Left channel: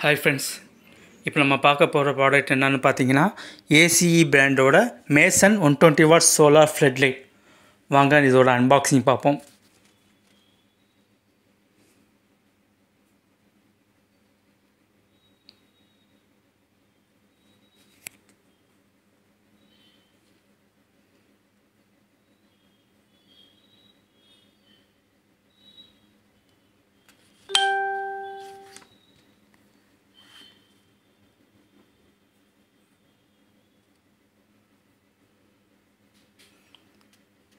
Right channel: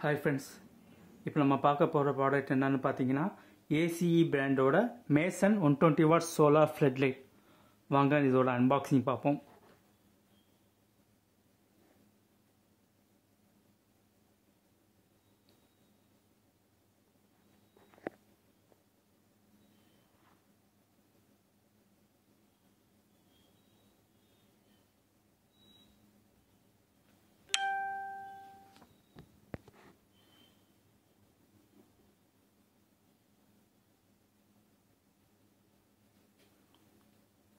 Hi friends, இப்போ நம்ம பார்க்க போகிற ப்ராடக்ட் என்னென்னு பார்த்தீங்கன்னா ஏசிஇ பிராண்டோட Mason 120 watt solar flood light. வாங்க இதோட அன்பாக்சிங் பார்ப்போம்.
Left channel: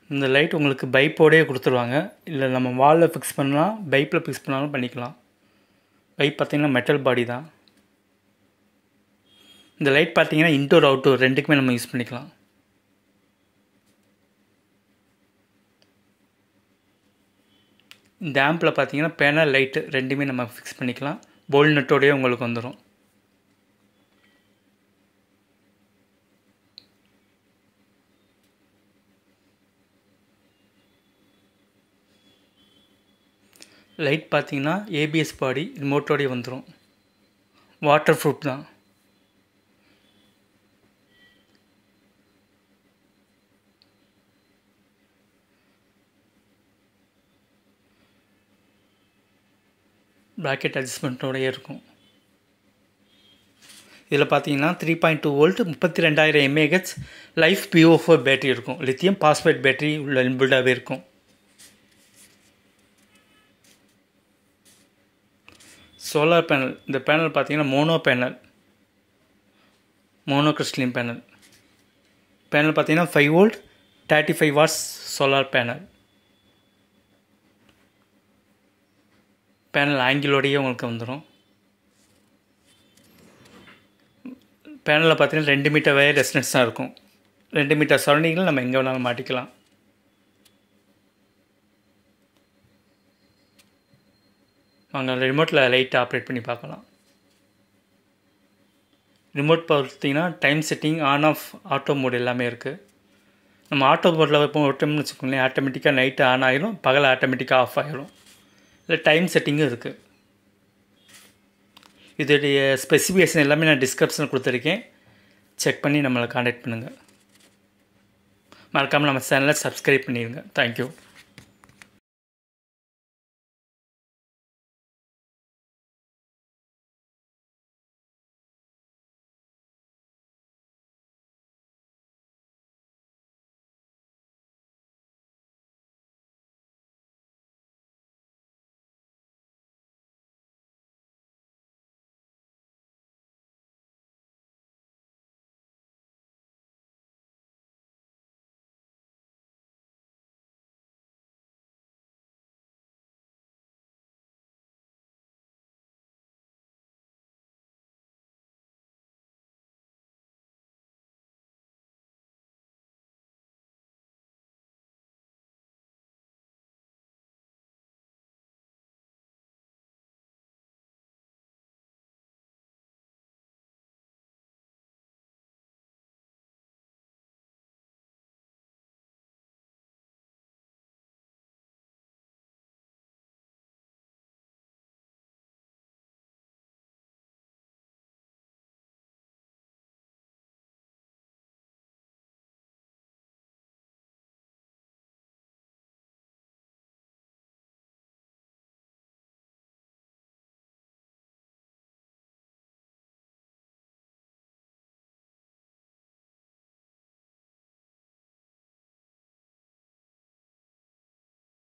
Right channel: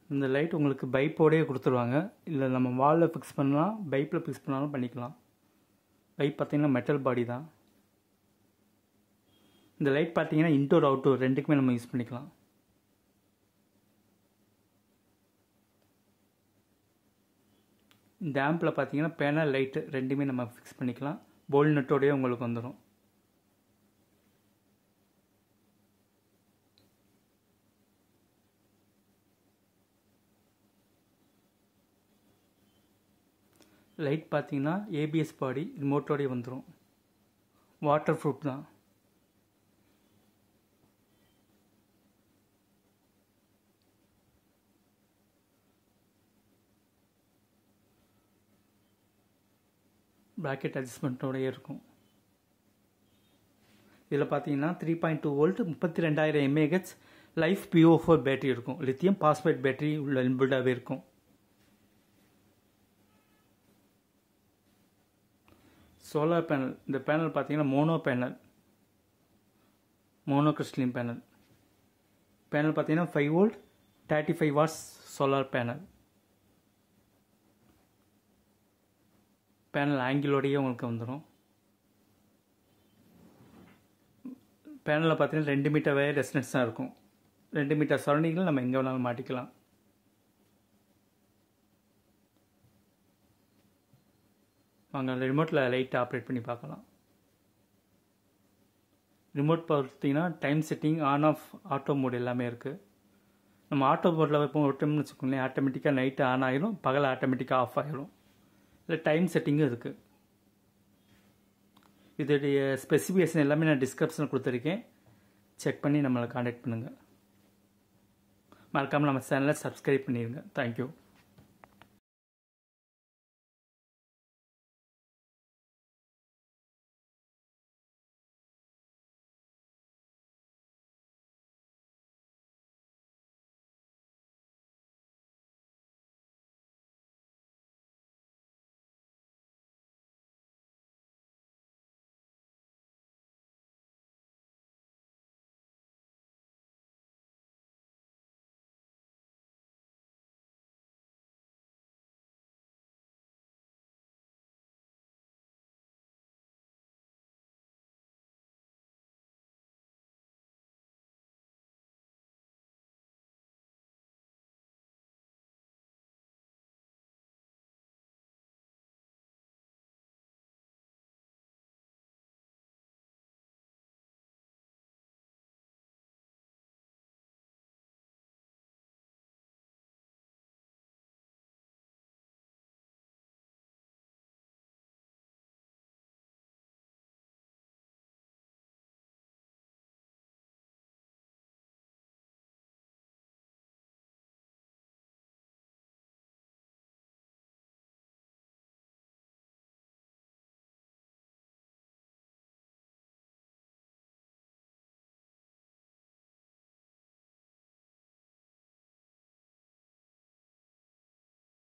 இந்த லைட் உங்களுக்கு பைப்போடையே கொடுத்துருவாங்க. இல்லை நம்ம வாலில் ஃபிக்ஸ் பண்ணலாம், பைப்பில் ஃபிக்ஸ் பண்ணாலும் பண்ணிக்கலாம். பைப் பார்த்திங்கன்னா மெட்டல் பாடி தான். இந்த லைட் பார்த்திங்கன்னா இன்டோர் அவுட்டோர் ரெண்டுக்குமே நம்ம யூஸ் பண்ணிக்கலாம். இந்த ஆம்பில் பார்த்திங்கன்னா பேனல் லைட்டு ரெண்டுமே நம்ம ஃபிக்ஸ் பண்ணிக்கலாம். போல் நட்டோடையே உங்களுக்கு வந்துடும். லைட் பார்த்தீங்கன்னா ஏபிஎஸ் பாடி ரிமோட்டோடய வந்துடும். வாட்டர் ப்ரூஃப் தான். ப்ராக்கெட் அட்ஜஸ்ட்மெண்ட்டோடய இருக்கும். இதில் பார்த்தீங்கன்னா 3.2 volt 32,000 mAh life PO4 battery இருக்கும். லித்தியம் பாஸ்பேட் பேட்டரி உள்ள இன்பில்டாகவே இருக்கும். Solar panel. இந்த பேனல் பார்த்தீங்கன்னா மோனோ கிறிஸ்டலின் பேனல். பேனல் பார்த்தீங்கன்னா 5 volt 35 watts solar panel. Panel ஆங்கிலோடையே உங்களுக்கு வந்துடும். பேனலில் பார்த்தீங்கன்னா 2 மீட்டர் வயர் ரெசிஸ்டன்ஸ் தான் இருக்கும். 2 மீட்டர் சரௌண்டிங்கில் நம்ம எங்கே வேணாலும் மாட்டிக்கலாம். அங்கே ரிமோட்டில் லைட்டை ஆப்ரேட் பண்ணி பார்க்கலாம். ரிமோட் பார்த்தீங்கன்னா time setting, on off, auto mode எல்லாமே இருக்குது. நம்ம ஆட்டோ மோடில் இப்போ விட்டோம்னு வச்சுக்கோங்களேன், ஆட்டோமேட்டிக்காக நைட்டு ஆன் ஆகிடும், பகல் ஆட்டோமேட்டிக்காக ஆஃப் ஆகிடும். இல்லை டைம் செட்டிங்கும் இருக்குது. இதோடைய ஸ்பெசிஃபிகேஷன் எல்லாமே நான் டிஸ்கிரிப்ஷனில் கொடுத்துருக்கேன். செக் பண்ணி நம்மளை கான்டாக்ட் பண்ணுங்கள். மறக்காமல் நம்ம சேனலை சப்ஸ்கிரைப் பண்ணிடுங்க. தேங்க்யூ.